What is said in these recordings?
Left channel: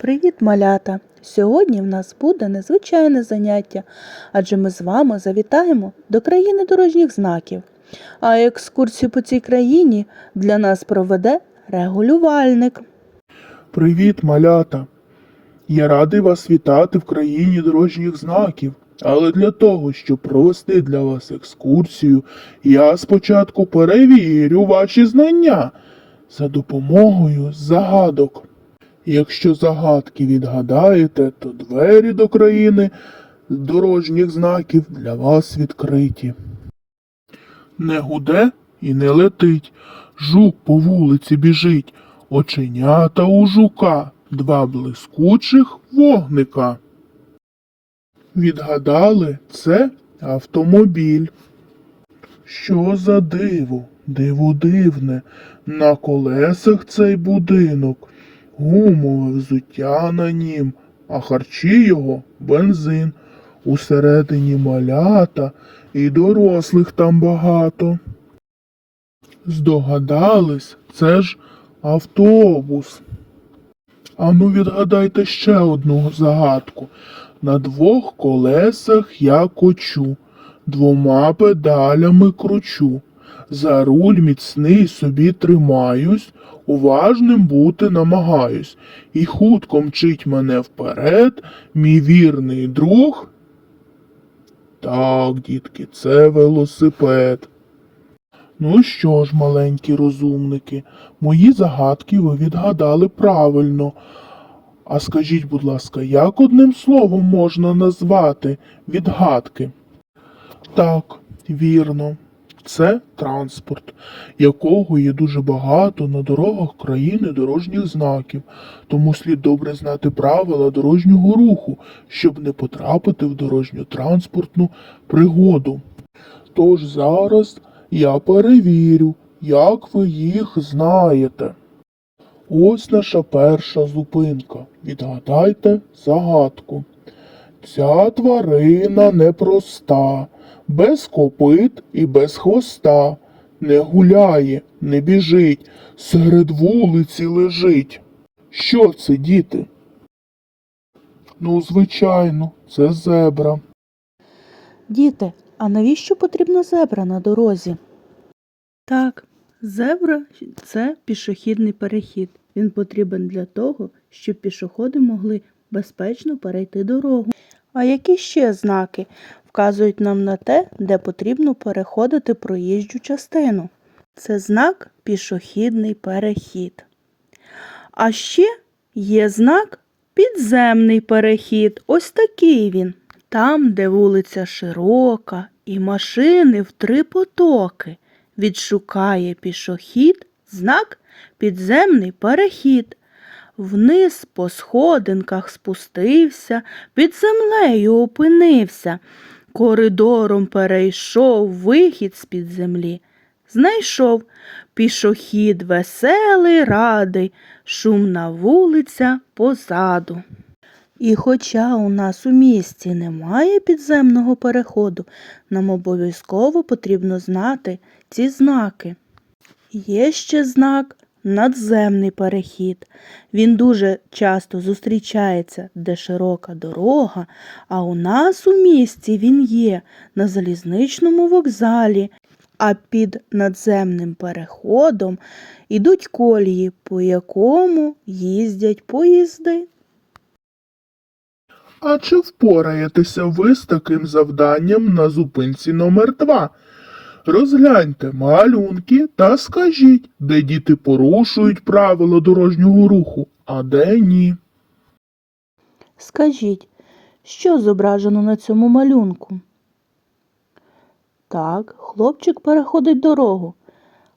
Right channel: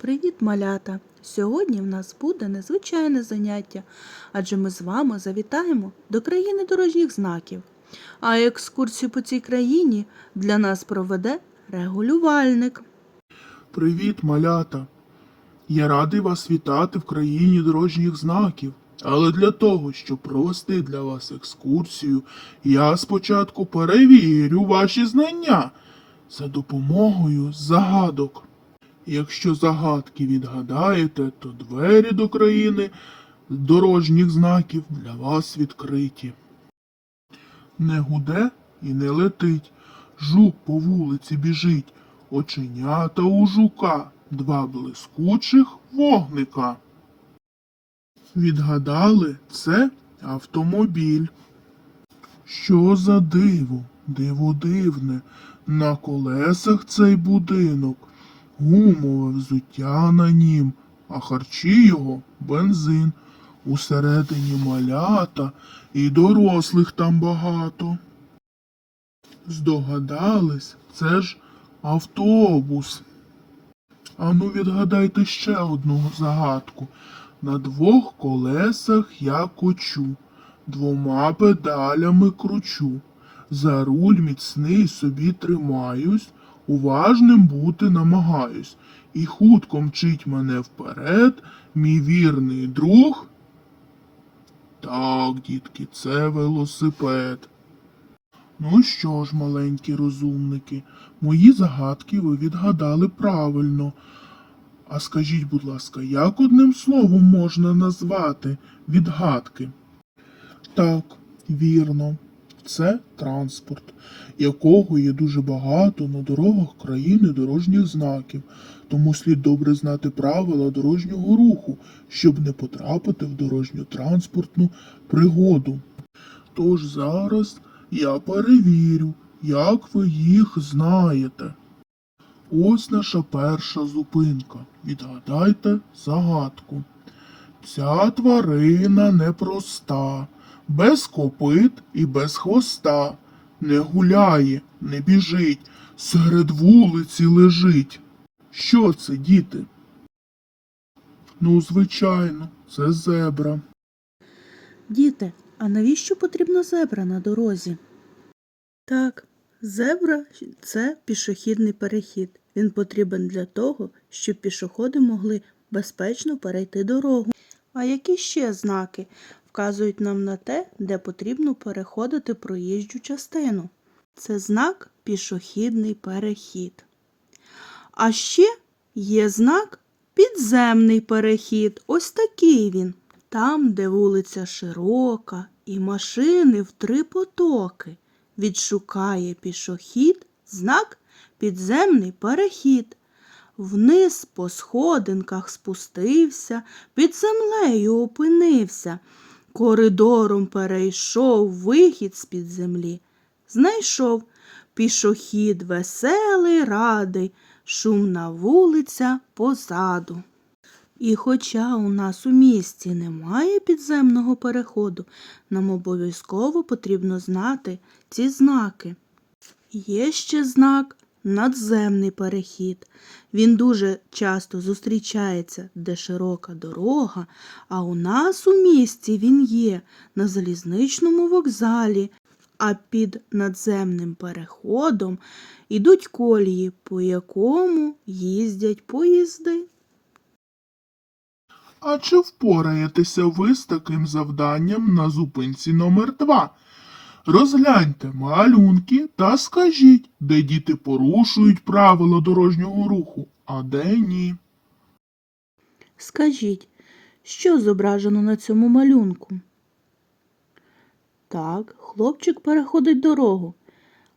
Привіт, малята! Сьогодні в нас буде незвичайне заняття, адже ми з вами завітаємо до країни дорожніх знаків. А екскурсію по цій країні для нас проведе регулювальник. Привіт, малята! Я радий вас вітати в країні дорожніх знаків. Але для того, щоб провести для вас екскурсію, я спочатку перевірю ваші знання за допомогою загадок. Якщо загадки відгадаєте, то двері до країни дорожніх знаків для вас відкриті. Не гуде і не летить, жук по вулиці біжить, оченята у жука, два блискучих вогника. Відгадали, це автомобіль. Що за диво, диво дивне, на колесах цей будинок, гумове взуття на нім, а харчі його бензин. Усередині малята і дорослих там багато. Здогадались, це ж автобус. Ану відгадайте ще одну загадку. На двох колесах я кочу, двома педалями кручу. За руль міцний собі тримаюсь, уважним бути намагаюсь. І хутко мчить мене вперед, мій вірний друг. Так, дітки, це велосипед. Ну що ж, маленькі розумники, мої загадки ви відгадали правильно. А скажіть, будь ласка, як одним словом можна назвати відгадки? Так, вірно, це транспорт, якого є дуже багато на дорогах країни дорожніх знаків, тому слід добре знати правила дорожнього руху, щоб не потрапити в дорожню транспортну пригоду. Тож зараз я перевірю, як ви їх знаєте. Ось наша перша зупинка. Відгадайте загадку. Ця тварина непроста, без копит і без хвоста. Не гуляє, не біжить, серед вулиці лежить. Що це, діти? Ну, звичайно, це зебра. Діти, а навіщо потрібна зебра на дорозі? Так, зебра це пішохідний перехід. Він потрібен для того, щоб пішоходи могли безпечно перейти дорогу. А які ще знаки вказують нам на те, де потрібно переходити проїжджу частину? Це знак пішохідний перехід. А ще є знак підземний перехід. Ось такий він. Там, де вулиця широка і машини в три потоки, відшукає пішохід знак підземний перехід. Вниз по сходинках спустився, під землею опинився, коридором перейшов вихід з-під землі. Знайшов пішохід веселий, радий, шумна вулиця позаду. І хоча у нас у місті немає підземного переходу, нам обов'язково потрібно знати ці знаки. Є ще знак надземний перехід. Він дуже часто зустрічається, де широка дорога, а у нас у місті він є на залізничному вокзалі, а під надземним переходом ідуть колії, по якому їздять поїзди. А чи впораєтеся ви з таким завданням на зупинці номер 2 Розгляньте малюнки та скажіть, де діти порушують правила дорожнього руху, а де ні. Скажіть, що зображено на цьому малюнку? Так, хлопчик переходить дорогу.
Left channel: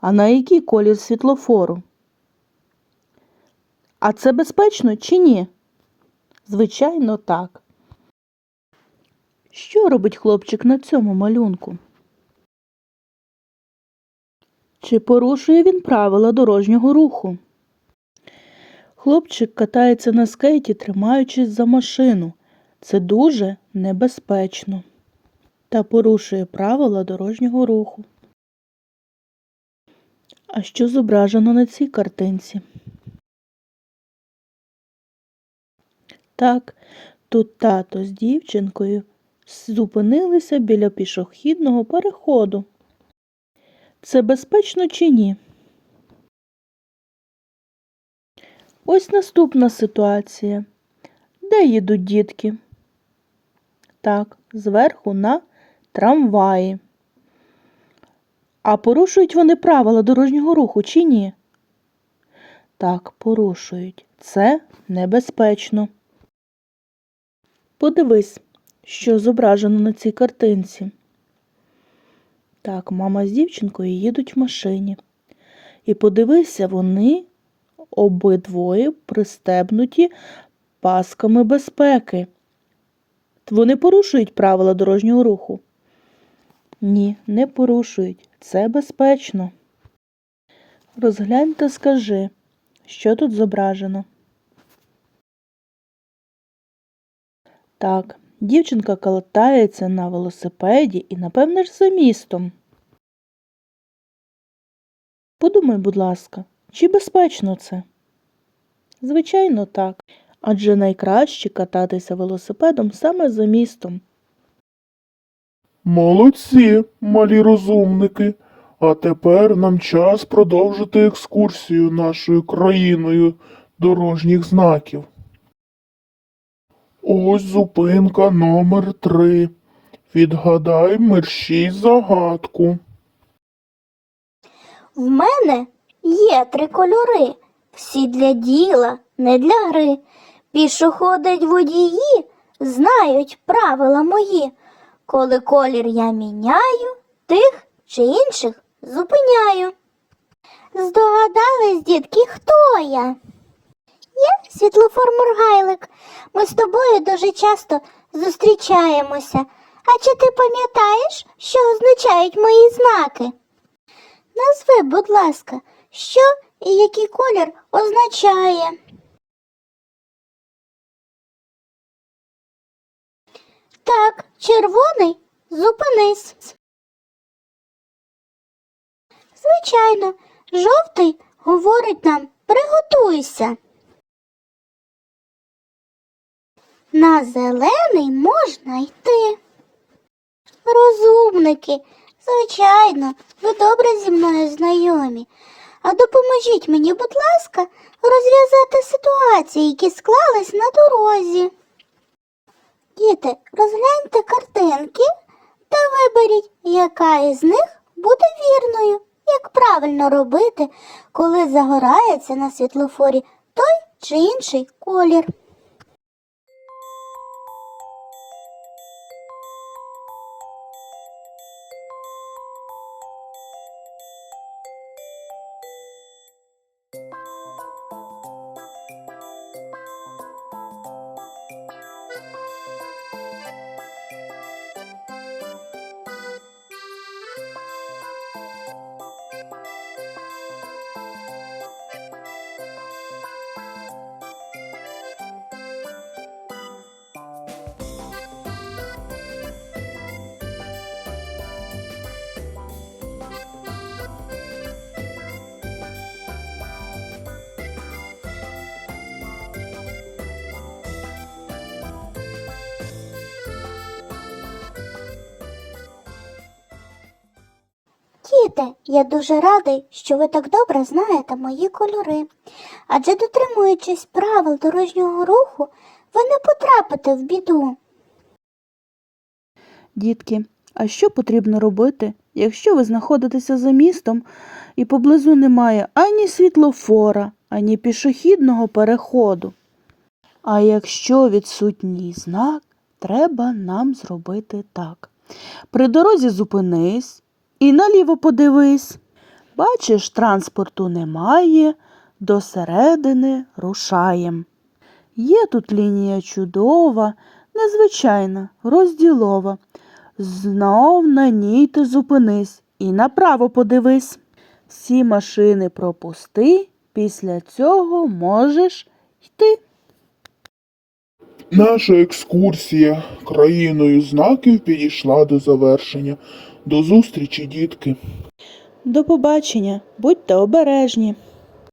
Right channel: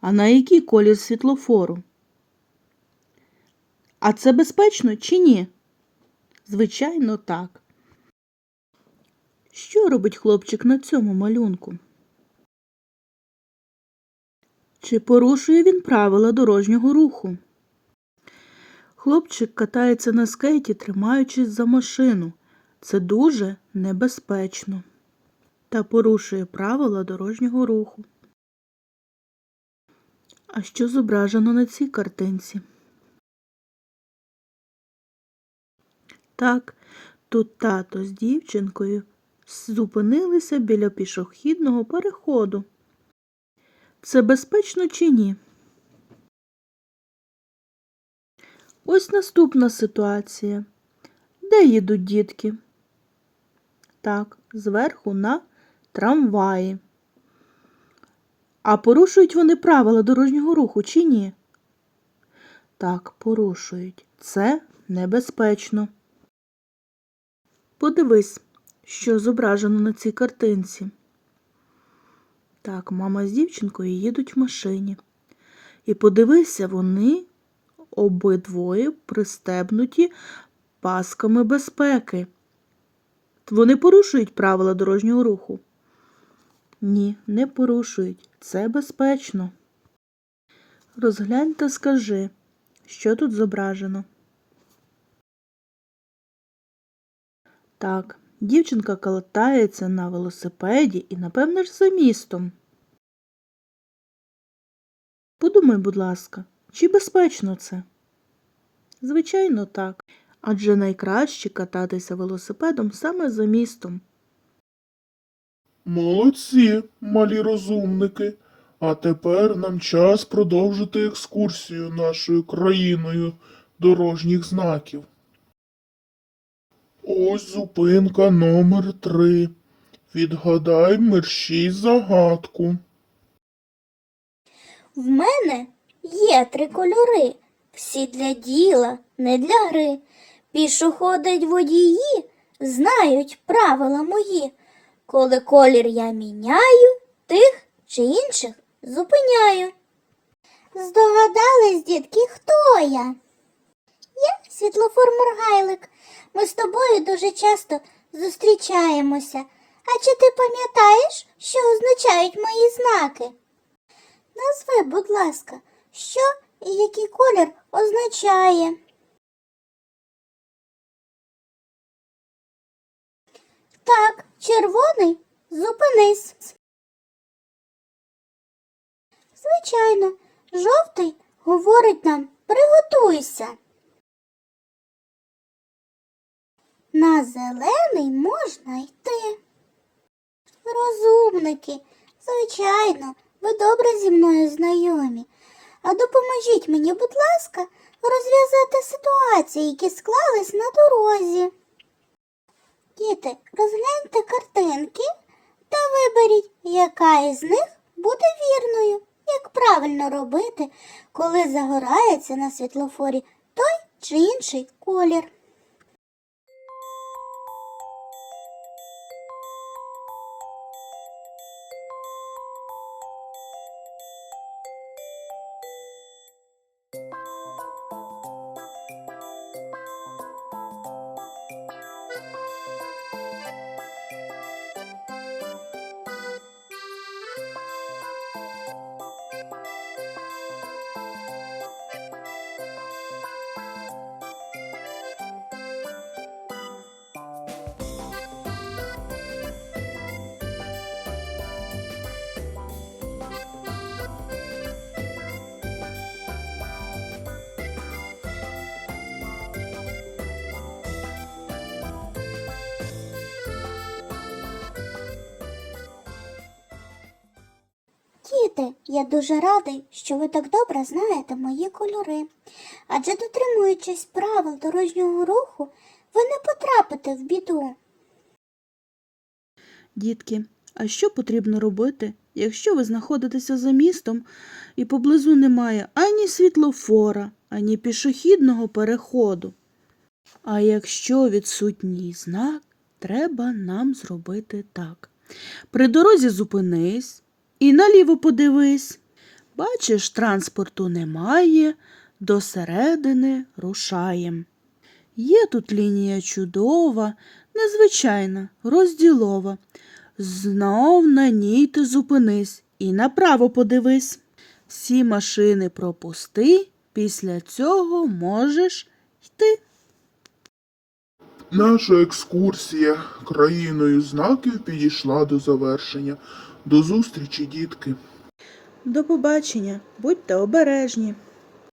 А на який колір світлофору? А це безпечно чи ні? Звичайно, так. Що робить хлопчик на цьому малюнку? Чи порушує він правила дорожнього руху? Хлопчик катається на скейті, тримаючись за машину. Це дуже небезпечно та порушує правила дорожнього руху. А що зображено на цій картинці? Так, тут тато з дівчинкою зупинилися біля пішохідного переходу. Це безпечно чи ні? Ось наступна ситуація. Де їдуть дітки? Так, зверху на трамваї. А порушують вони правила дорожнього руху чи ні? Так, порушують. Це небезпечно. Подивись, що зображено на цій картинці. Так, мама з дівчинкою їдуть в машині. І подивися, вони обидвоє пристебнуті пасками безпеки. Вони порушують правила дорожнього руху? Ні, не порушують. Це безпечно. Розглянь та скажи, що тут зображено. Так, дівчинка катається на велосипеді і, напевне ж, за містом. Подумай, будь ласка, чи безпечно це? Звичайно, так. Адже найкраще кататися велосипедом саме за містом. Молодці, малі розумники. А тепер нам час продовжити екскурсію нашою країною дорожніх знаків. Ось зупинка номер три. Відгадай мерщій загадку. В мене є три кольори, всі для діла, не для гри. Пішоходять водії, знають правила мої. Коли колір я міняю, тих чи інших зупиняю. Здогадались, дітки, хто я? Я світлофор Моргайлик. Ми з тобою дуже часто зустрічаємося. А чи ти пам'ятаєш, що означають мої знаки? Назви, будь ласка, що і який колір означає. Так, червоний зупинись. Звичайно, жовтий говорить нам приготуйся. На зелений можна йти. Розумники, звичайно, ви добре зі мною знайомі. А допоможіть мені, будь ласка, розв'язати ситуації, які склались на дорозі. Діти, розгляньте картинки та виберіть, яка із них буде вірною, як правильно робити, коли загорається на світлофорі той чи інший колір. Діти, я дуже радий, що ви так добре знаєте мої кольори. Адже дотримуючись правил дорожнього руху, ви не потрапите в біду. Дітки, а що потрібно робити, якщо ви знаходитеся за містом і поблизу немає ані світлофора, ані пішохідного переходу? А якщо відсутній знак, треба нам зробити так. При дорозі зупинись і наліво подивись. Бачиш, транспорту немає, до середини рушаєм. Є тут лінія чудова, незвичайна, розділова. Знов на ній ти зупинись і направо подивись. Всі машини пропусти, після цього можеш йти. Наша екскурсія країною знаків підійшла до завершення. До зустрічі, дітки! До побачення, будьте обережні.